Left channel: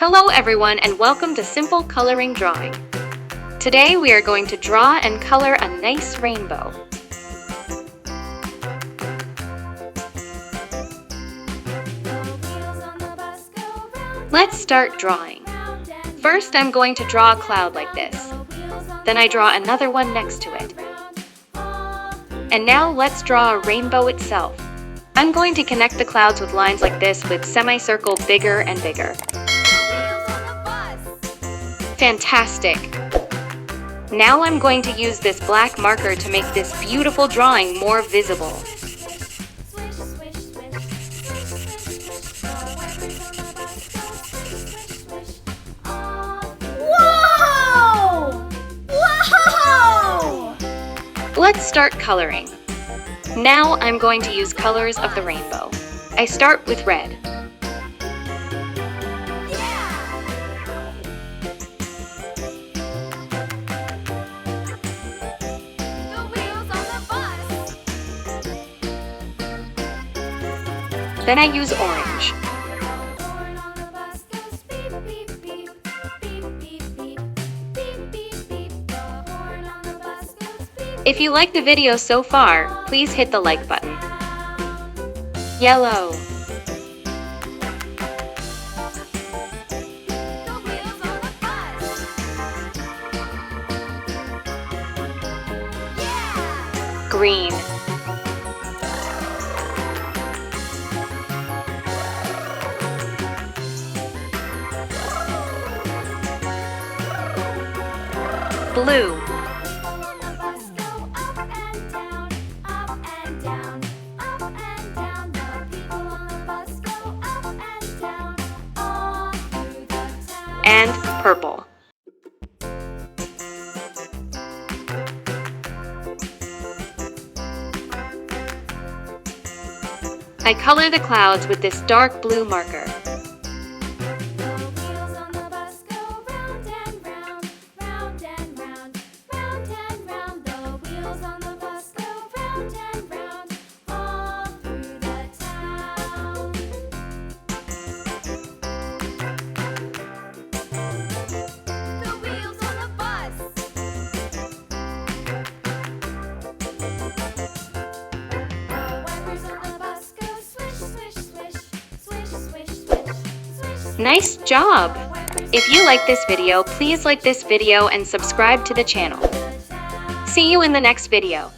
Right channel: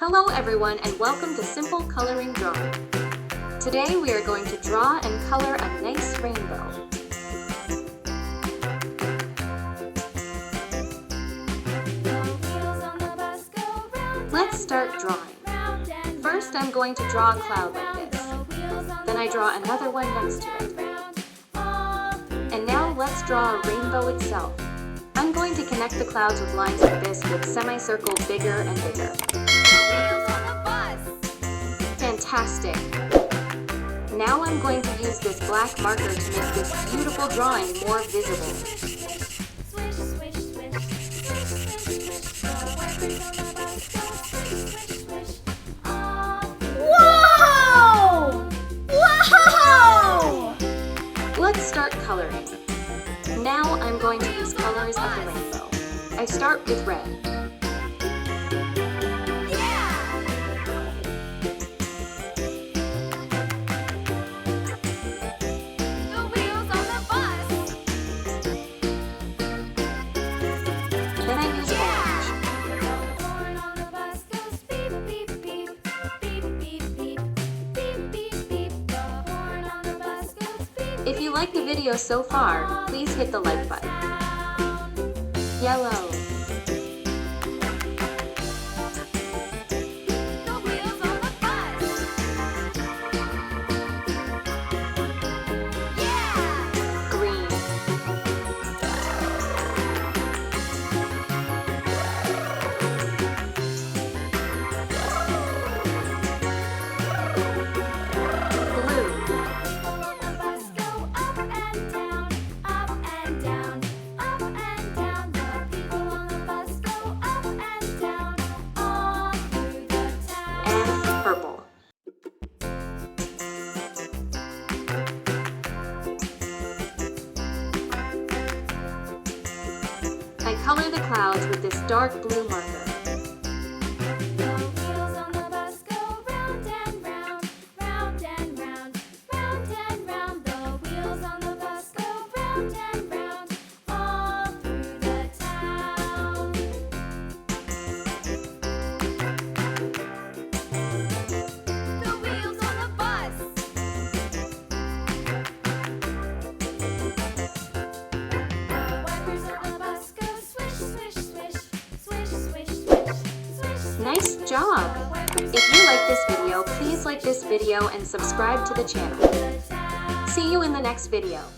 Hello everyone and welcome to Simple Coloring Drawing. Today we are going to draw and color a nice rainbow. Let's start drawing. First I'm going to draw a cloud like this. Then I draw another one next to it. And now let's draw a rainbow itself. I'm going to connect the clouds with lines like this with semicircle bigger and bigger. Fantastic! Now I'm going to use this black marker to make this beautiful drawing more visible. Whoa! Whoa! Let's start coloring. Now I'm going to use colors of the rainbow. I start with red. Then I use orange. If you like the video so far, please hit the like button. Yellow. Green. Blue. And purple. I color the clouds with this dark blue marker. Nice job! If you like this video, please like this video and subscribe to the channel. See you in the next video.